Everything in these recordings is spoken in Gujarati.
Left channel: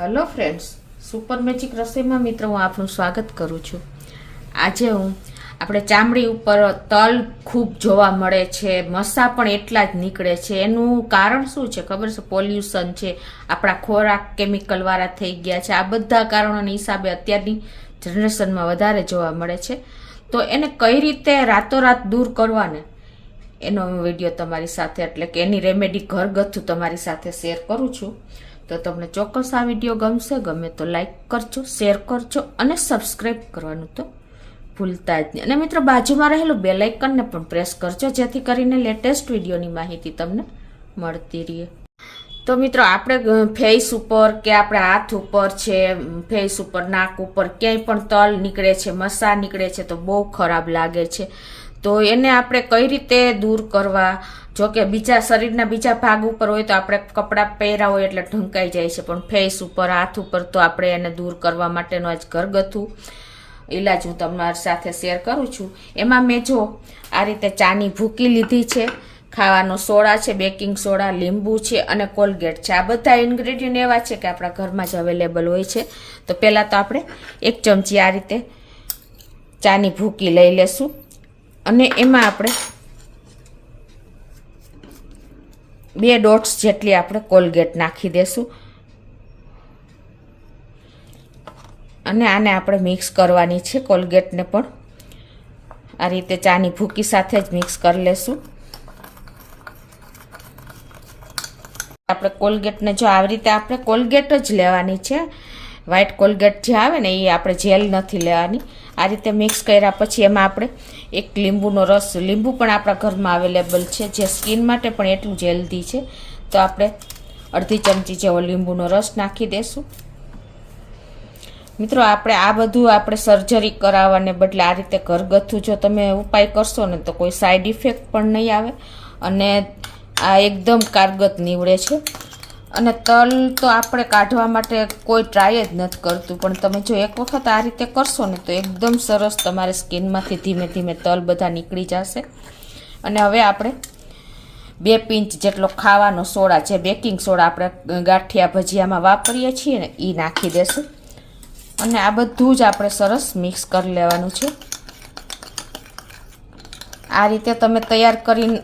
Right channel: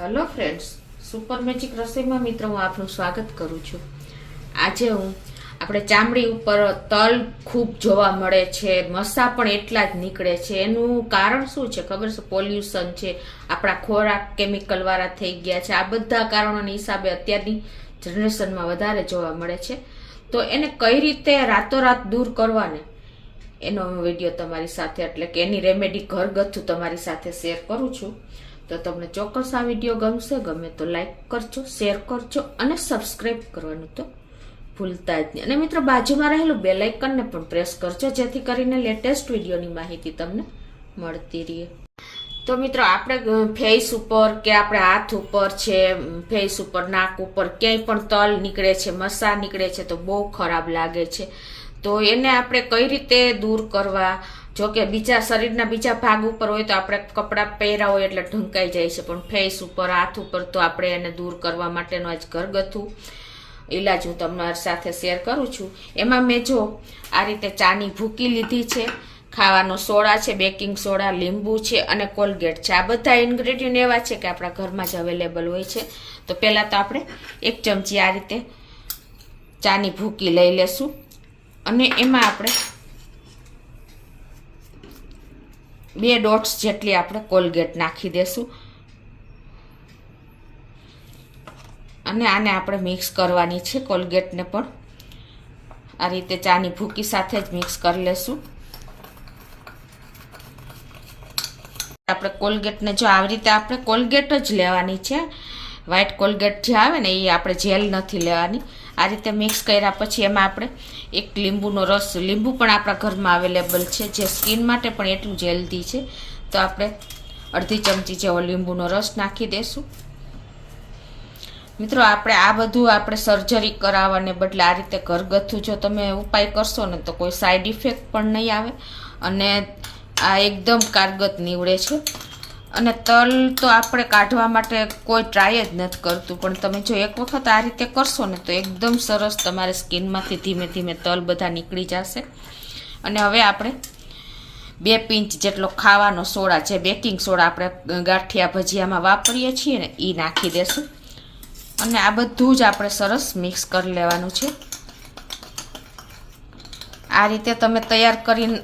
હેલો ફ્રેન્ડ્સ, સુપર મેજિક રસોઈમાં મિત્રો હું આપનું સ્વાગત કરું છું. આજે આપણે ચામડી ઉપર તલ ખૂબ જોવા મળે છે, મસા પણ એટલા જ નીકળે છે. એનું કારણ શું છે ખબર છે? પોલ્યુશન છે, આપણા ખોરાક કેમિકલ વાળા થઈ ગયા છે. આ બધા કારણોના હિસાબે અત્યારની જનરેશનમાં વધારે જોવા મળે છે. તો એને કઈ રીતે રાતોરાત દૂર કરવાને એનો વિડીયો તમારી સાથે, એટલે કે એની રેમેડી ઘરગથ્થુ તમારી સાથે શેર કરું છું. તો તમને ચોક્કસ આ વિડીયો ગમશે. ગમે તો લાઈક કરજો, શેર કરજો અને સબસ્ક્રાઈબ કરવાનું તો ભૂલતા જ નહીં. અને મિત્રો, બાજુમાં રહેલું બેલ આઇકનને પણ પ્રેસ કરજો, જેથી કરીને લેટેસ્ટ વિડીયોની માહિતી તમને મળતી રહે. તો મિત્રો, આપણે ફેસ ઉપર કે આપણે હાથ ઉપર છે, ફેસ ઉપર, નાક ઉપર ક્યાંય પણ તલ નીકળે છે, મસા નીકળે છે તો બહુ ખરાબ લાગે છે. તો એને આપણે કઈ રીતે દૂર કરવા? જો કે બીજા શરીરના બીજા ભાગ ઉપર હોય તો આપણે કપડાં પહેર્યા હોય એટલે ઢંકાઈ જાય છે, પણ ફેસ ઉપર, હાથ ઉપર તો આપણે એને દૂર કરવા માટેનો આજ ઘરગથ્થુ ઈલાજ હું તમારી સાથે શેર કરું છું. એમાં મેં જો આ રીતે ચાની ભૂકી લીધી છે, ખાવાનો સોડા છે, બેકિંગ સોડા, લીંબુ છે અને કોલગેટ છે. આ બધા ઇન્ગ્રેડિયન્ટ એવા છે કે આપણા ઘરમાં જ અવેલેબલ હોય છે. તો પહેલાં તો આપણે 1 ચમચી આ રીતે ચાની ભૂકી લઈ લેશું અને એમાં આપણે 2 ડોટ્સ જેટલી આપણે કોલગેટ નાખી દેશું અને આને આપણે મિક્સ કરવાની છે. કોલગેટને પણ આ રીતે ચાની ભૂકી સાથે જ મિક્સ કરી લેશું. આપણે કોલગેટને જો આવી રીતે આપણે કોલગેટ જ લેવાની છે. વ્હાઈટ કોલગેટ જે આવે ને એ આપણે જેલ નથી લેવાની. આ રીતે મિક્સ કર્યા પછી એમાં આપણે 1 લીંબુનો રસ, લીંબુ પણ આપણા ઘરમાં અવેલેબલ છે, જે સ્કિન માટે પણ એટલું જ હેલ્ધી છે. તો આપણે અડધી ચમચી જેવો લીંબુનો રસ નાખી દેશું. મિત્રો, આપણે આ બધું આપણે સર્જરી કરાવવાને બદલે આ રીતે ઘરગથ્થુ જો તમે ઉપાય કરશો ને તો કોઈ સાઈડ ઇફેક્ટ પણ નહીં આવે અને આ એકદમ કારગત નીવડે છે. અને તલ તો આપણે કાઢવા માટે કોઈ ટ્રાય જ નથી કરતું, પણ તમે જો એક વખત આ રીતે કરશો ને તો એકદમ સરસ તમારે સ્કિનમાંથી ધીમે ધીમે તલ બધા નીકળી જશે. અને હવે આપણે 2 પિંચ જેટલો ખાવાનો સોડા, જે બેકિંગ સોડા આપણે ગાંઠિયા ભજીયામાં વાપરીએ છીએ ને, એ નાખી દેશું. અને આ બધું જ આપણે સરસ મિક્સ કરી લેવાનું છે. આ રીતે તમે તૈયાર કરીને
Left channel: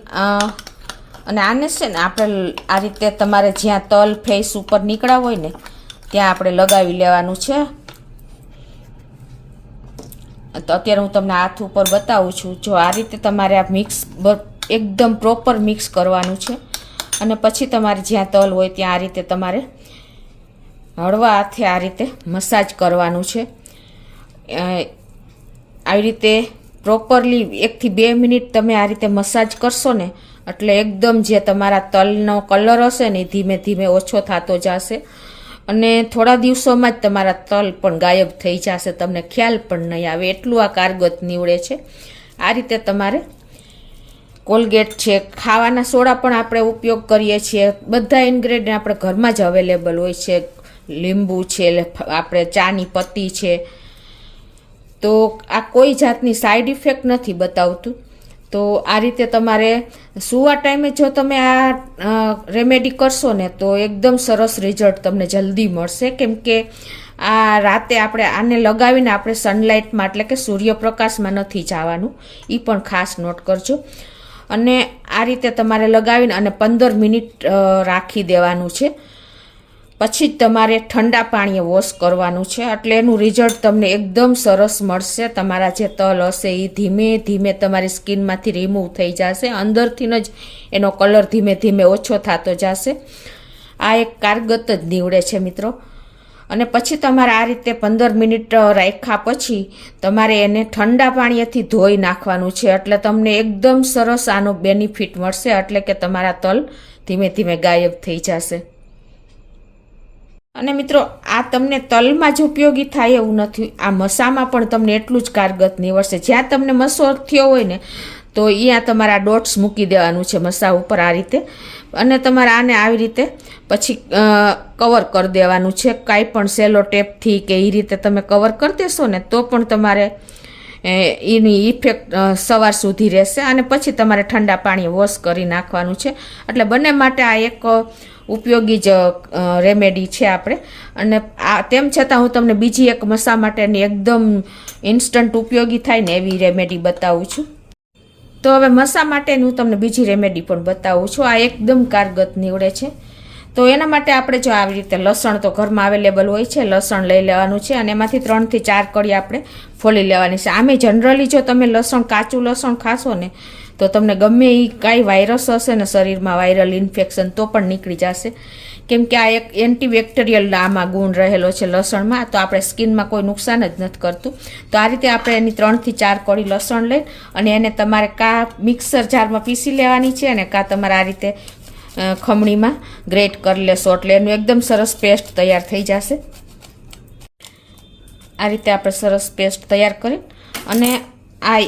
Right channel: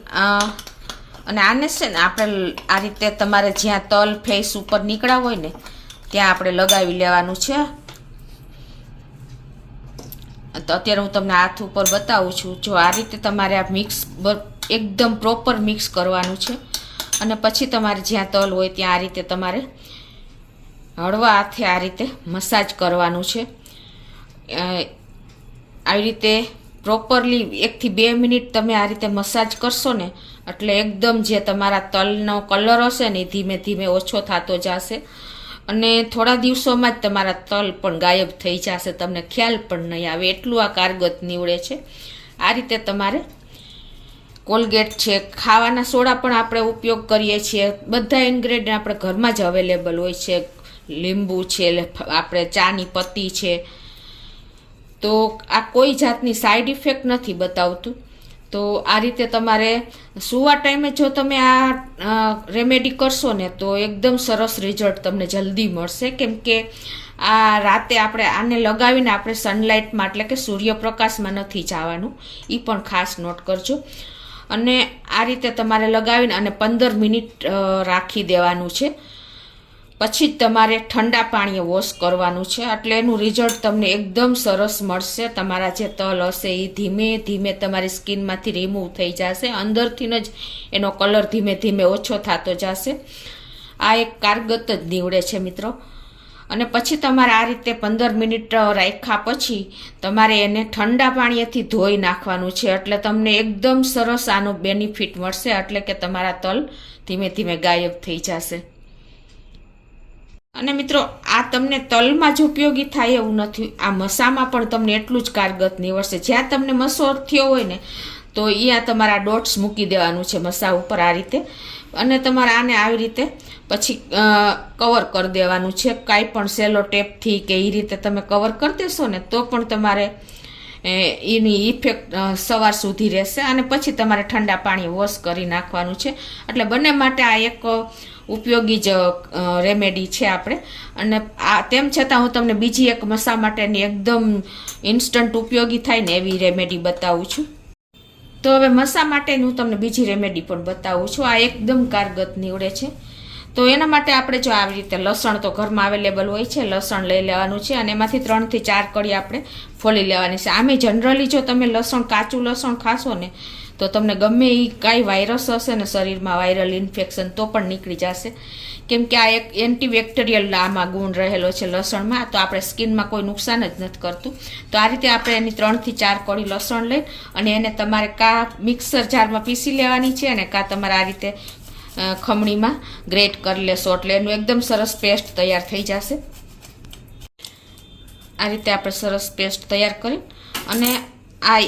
અને આને છે ને આપણે આ રીતે તમારે જ્યાં તલ ફેસ ઉપર નીકળ્યા હોય ને ત્યાં આપણે લગાવી લેવાનું છે. તો અત્યારે હું તમને હાથ ઉપર બતાવું છું. જો આ રીતે તમારે આ મિક્સ એકદમ પ્રોપર મિક્સ કરવાનું છે. અને પછી તમારે જ્યાં તલ હોય ત્યાં આ રીતે તમારે હળવા હાથે આ રીતે મસાજ કરવાનું છે. આવી રીતે પ્રોપરલી 1 થી 2 મિનિટ તમે આ રીતે મસાજ કરશો ને એટલે એકદમ જે તમારા તલનો કલર હશે ને એ ધીમે ધીમે ઓછો થતો જશે અને થોડા દિવસોમાં જ તમારા તલ પણ ગાયબ થઈ જશે, તમને ખ્યાલ પણ નહીં આવે, એટલું આ કારગત નીવડે છે. આ રીતે તમારે કોલગેટ છે, ખાવાના સોડા પણ આપણે ઉપયોગ કરીએ છીએ, બધા ઇન્ગ્રેડિયન્ટ આપણે ઘરમાં જ અવેલેબલ હોય છે. લીંબુ છે, આપણે ચાની પત્તી છે, તો આ કોઈ જાતની સાઈડ ઇફેક્ટ નથી બતાવતું. તો આ રીતે તમારે સૂવા ટાઈમે જો તમે આ રેમેડી કરશો ને તો એકદમ સરસ રિઝલ્ટ તમને જલ્દી મળશે. કેમ કે આ રાતે આપણે આને લગાવીને આપણે સનલાઇટમાં, એટલે કે સૂર્યપ્રકાશમાં નથી જવાનું, એ પણ ખાસ નોટ કરજો. અને આ રીતે તમારે લગાવીને અને 15 મિનિટ રાખી દેવાનું છે. પછી જ તમારે ઠંડા પાણીએ વોશ કરવાનું છે, એટલે એનું રિઝલ્ટ તમને એકદમ સરસ મળશે. તમારા જે તલ હશે એ ધીમે ધીમે તમારી સ્કિનમાંથી રિમૂવ થઈ જશે, અંદરથી જ એનો કલર ધીમે ધીમે ઓછો થતો જશે. આ એક કારગત જ નીવડે છે મિત્રો. અને પછી તમારે આ રીતે 15 મિનિટ રાખ્યા પછી તમારે એને ઠંડા પાણીએથી ધોઈ નાખવાનું છે, એટલે તમને એકદમ સરસ આનો બેનિફિટ મળશે, એટલે કે તમારા તલ ધીમે ધીમે ગાયબ થઈ જશે. અને મિત્રો, આ તમને તલમાં જ ઉપયોગી થાય એવું નથી, આ મસામાં પણ તમને એટલું જ કારગત નીવડશે. જ્યાં તમને મસો થયો હોય ને તો અહીંયા તમારા ડોટ્સ મૂકી દેવાનું છે મસા ઉપર આ રીતે, અને તમારે આને આવી રીતે પછી કવર કરી દેવાનું છે. કાંઈ પણ સેલો ટેપથી કે એ રીતે તમે કવર કરી દેશો ને તો પણ તમારે એની ઇફેક્ટ સવાર સુધી રહેશે. અને પછી તમારે ઠંડા પાણી વોશ કરી નાખવાનું છે. એટલે બંને માટે આ એક ઉપયોગી જ રેમેડી છે આપણે. અને તેમ છતાં હું તમને બીજી એક મસા માટેની એકદમ ઇન્સ્ટન્ટ ઉપયોગી થાય ને એવી રેમેડી બતાવું છું. તો હવે મસા માટેની હું તમને બીજી રેમેડી પણ બતાવું છું. આ એકદમ કારગત નીવડે છે. તો એના માટે આપણે જો આવી રીતે લસણ તો ઘરમાં અવેલેબલ હોય છે, લસણ લઈ લેવાનું છે અને એમાંથી 3 થી 4 કળી આપણે ફોલી લેવાની છે. આમે જનરલી જો તમે લસણ કાચું લસણ ખાશો ને તો તમને ગમે એ કાંઈ વાયરસ હશે ને શરીરમાં, વાયરલ ઇન્ફેક્શન, તો પણ નીકળી જશે. કેમ કે આ એક એન્ટીબેક્ટેરિયલ આમાં ગુણ રહેલો છે લસણમાં, તો આપણે સ્કિનમાં કોઈ નુકસાન જ નથી કરતું. તો આ રીતે આપણે એની 3 થી 4 કળી લસણ લઈ અને એને તમારે કાં મિક્સર જારમાં પીસી લેવાની છે અને કાં તમારે આ રીતે ખમણીમાં ગ્રેટ કરી લેશો એટલે એનું એકદમ સરસ પેસ્ટ તૈયાર થઈ જશે. આ રીતે આપણે સરસ પેસ્ટ તૈયાર કરી અને આ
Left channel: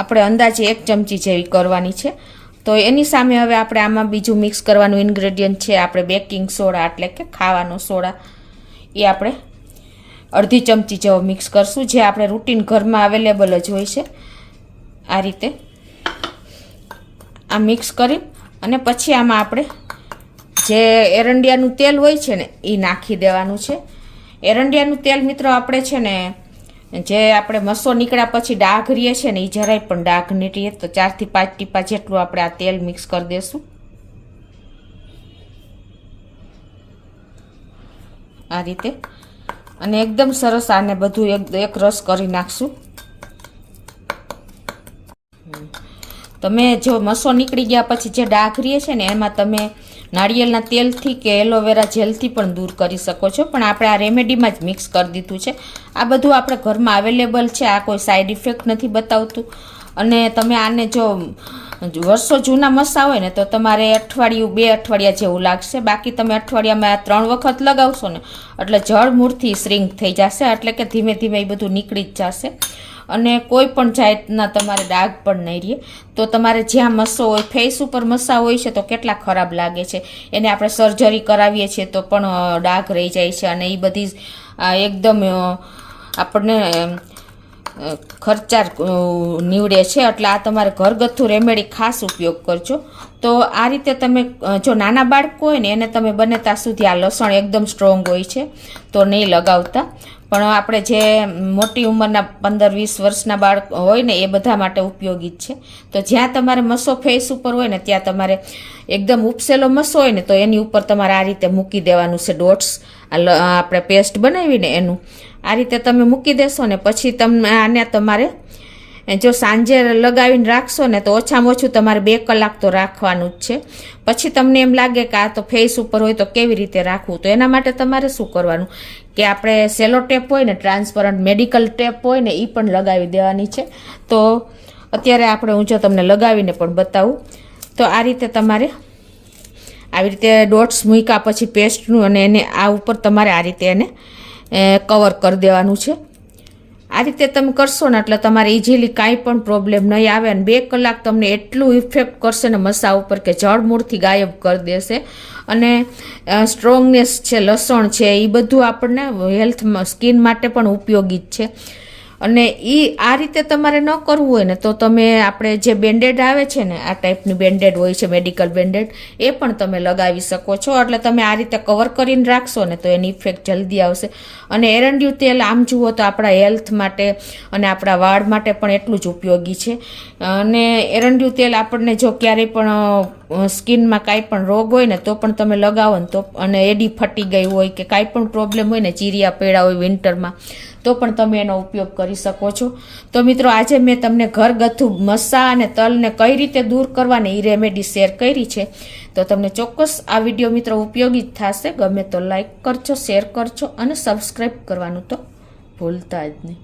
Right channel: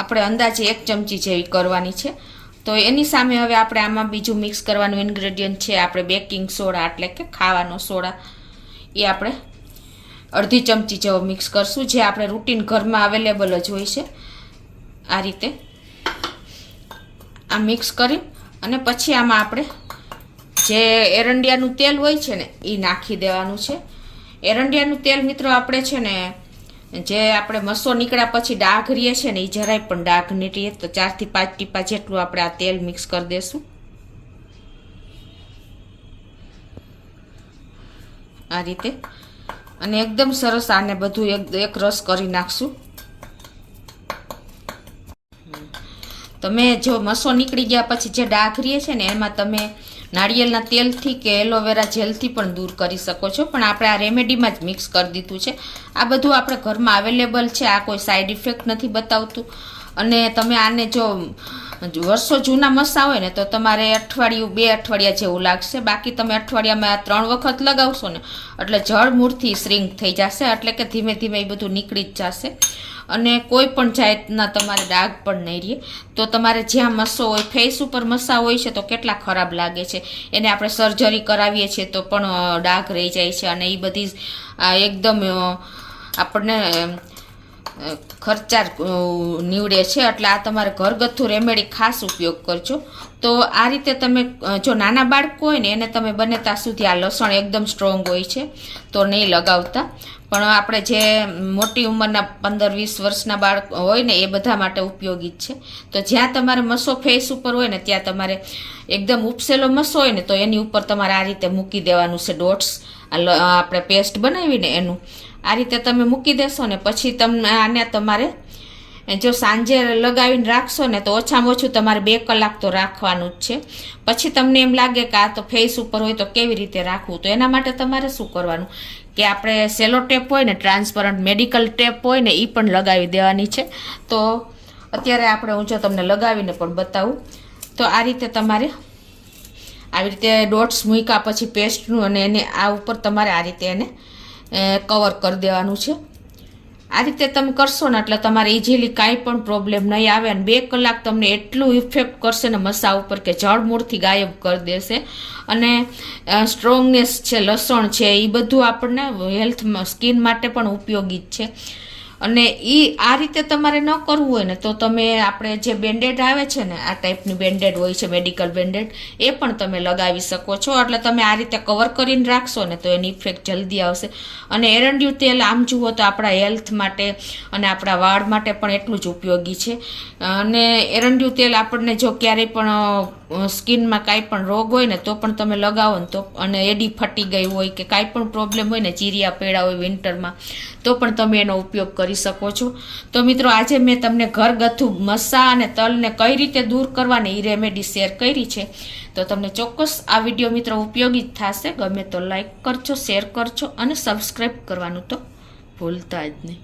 આપણે અંદાજે 1 ચમચી જેવી કરવાની છે. તો એની સામે હવે આપણે આમાં બીજું મિક્સ કરવાનું ઇન્ગ્રેડિયન્ટ છે આપણે બેકિંગ સોડા, એટલે કે ખાવાનો સોડા. એ આપણે અડધી ચમચી જેવો મિક્સ કરશું, જે આપણે રૂટીન ઘરમાં અવેલેબલ જ હોય છે. આ રીતે આ મિક્સ કરી અને પછી આમાં આપણે જે એરંડિયાનું તેલ હોય છે ને એ નાખી દેવાનું છે. એરંડિયાનું તેલ મિત્રો આપણે છે ને જે આપણે મસો નીકળ્યા પછી ડાઘ રહીએ છે ને એ જરાય પણ ડાઘ નહીં રહીએ. તો 4 થી 5 ટીપા જેટલું આપણે આ તેલ મિક્સ કરી દઈશું આ રીતે. અને એકદમ સરસ આને બધું એક રસ કરી નાખશું. તમે જો મસો નીકળી ગયા પછી જે ડાઘ રહીએ છે ને એમાં તમે નાળિયેરના તેલથી કે એલોવેરા જેલથી પણ દૂર કરી શકો છો, પણ આપણે આ રેમેડીમાં જ મિક્સ કરી દીધું છે. આ બધું આપણે ઘરમાં અવેલેબલ છે, આ કોઈ સાઈડ ઇફેક્ટ નથી બતાવતું. અને તમે આને જો વર્ષો જૂના મસા હોય ને તો તમારે અઠવાડિયું 2 અઠવાડિયા જેવું લાગશે. બાકી તમે અઠવાડિયામાં 3 વખત લગાવશો ને એટલે જળ મૂળથી શ્રિંક થઈ જશે, એટલે કે ધીમે ધીમે એ બધું નીકળી જ જશે અને કોઈ પણ જાતના તમારે ડાઘ પણ નહીં રહે. તો તમારે જ્યાં મસો હોય, ફેસ ઉપર મસા હોય છે તો કેટલા ખરાબ લાગે છે, એને આપણે સર્જરી કરાવીએ છીએ તો પણ ડાઘ રહી જાય છે અને એ બધી એકદમ આપણને ખર્ચાળ નીવડે છે. એટલે આ તમારે ઘરગથ્થુ રેમેડી ખાસ ઉપયોગ કરજો. તો આ રીતે તમે જો નાના બાળકો હોય ને એને તમે બને ત્યાં સુધી આ લસણ એકદમ સ્ટ્રોંગ હોય છે તો નહીં લગાવતા, પણ આપણે જે મોટી ઉંમરના 15-20 વર્ષના બાળક હોય ને એ બધા માટે ઉપયોગી જ છે. તો જ્યાં તમારે મસો ફેસ ઉપર હોય ને ત્યાં તમારે એકદમ ઉપસેલો મસો હોય ને તો એની ઉપર તમારે આ રીતે મૂકી દેવાનું છે ડોટ્સ, આપણે પેસ્ટ બનાવીને એનું આ રીતે તમે મૂકી દેશો ને પછી તમને આને તમારે જો સાંજે લગાવીને રાખશો ને તો ઓછામાં ઓછું તમારે 2 કલાક તો રાખવાનું જ છે. પછી તમને એમ લાગે કે આ તો ફેસ ઉપર હોય તો કેવી રીતે રાખવું, તો એના માટે તમારે શું કરવાનું કે આપણે સેલો ટેપ હોય ને, ટ્રાન્સપરન્ટ મેડિકલ ટેપ હોય ને એ પણ લગાવી દેવાની છે. તો અત્યારે આપણે હું જો તમને લગાવીને પણ બતાવું. તો આ રીતે તમારે આવી રીતે ડોટ્સ મૂક્યા પછી પેસ્ટનું અને એને આ ઉપર તમારે આ રીતે એને કવર કરી દેવાનું છે. આ રીતે તમે કરશો ને એટલે તમારે ઇઝીલી કાંઈ પણ પ્રોબ્લેમ નહીં આવે અને 2 કલાક તમને એટલું ઇફેક્ટ કરશે ને મસા ઉપર કે જળમૂળથી ગાયબ કરી દેશે. અને સ્ટ્રોંગનેસ છે, લસણ છે, એ બધું આપણને હેલ્થ સ્કિન માટે પણ ઉપયોગી જ છે. અને એ આ રીતે તમારે ન કરવું હોય ને તો તમે આપણે જે બેન્ડેડ આવે છે ને આ ટાઈપની બેન્ડેડ હોય છે, મેડિકલ બેન્ડેડ, એ પણ તમે લગાવી શકો છો. એટલે તમે આ રીતે કવર કરીને રાખશો ને તો એની ઇફેક્ટ જલ્દી આવશે. અને એરંડિયું તેલ આમ જુઓ તો આપણા હેલ્થ માટે અને આપણા વાળ માટે પણ એટલું જ ઉપયોગી છે. અને એરંડિયું તેલ આપણને જો ક્યારેય પણ સ્કિનમાં કાંઈ પણ રોગ હોય ને તો પણ તમે લગાવો ને તો, અને એડી ફટી ગઈ હોય કે કાંઈ પણ પ્રોબ્લેમ હોય ને, ચીરિયા પડ્યા હોય વિન્ટરમાં, તો પણ તમે એનો ઉપયોગ કરી શકો છો. તો મિત્રો આજે મેં તમને ઘરગથ્થુ મસા અને તલને કઈ રીતે દૂર કરવાની એ રેમેડી શેર કરી છે. તો તમને ચોક્કસ આ વિડીયો મિત્રો ઉપયોગી જ થશે. ગમે તો લાઈક કરજો, શેર કરજો અને સબસ્ક્રાઈબ કરવાનું તો ભૂલતા જ નહીં.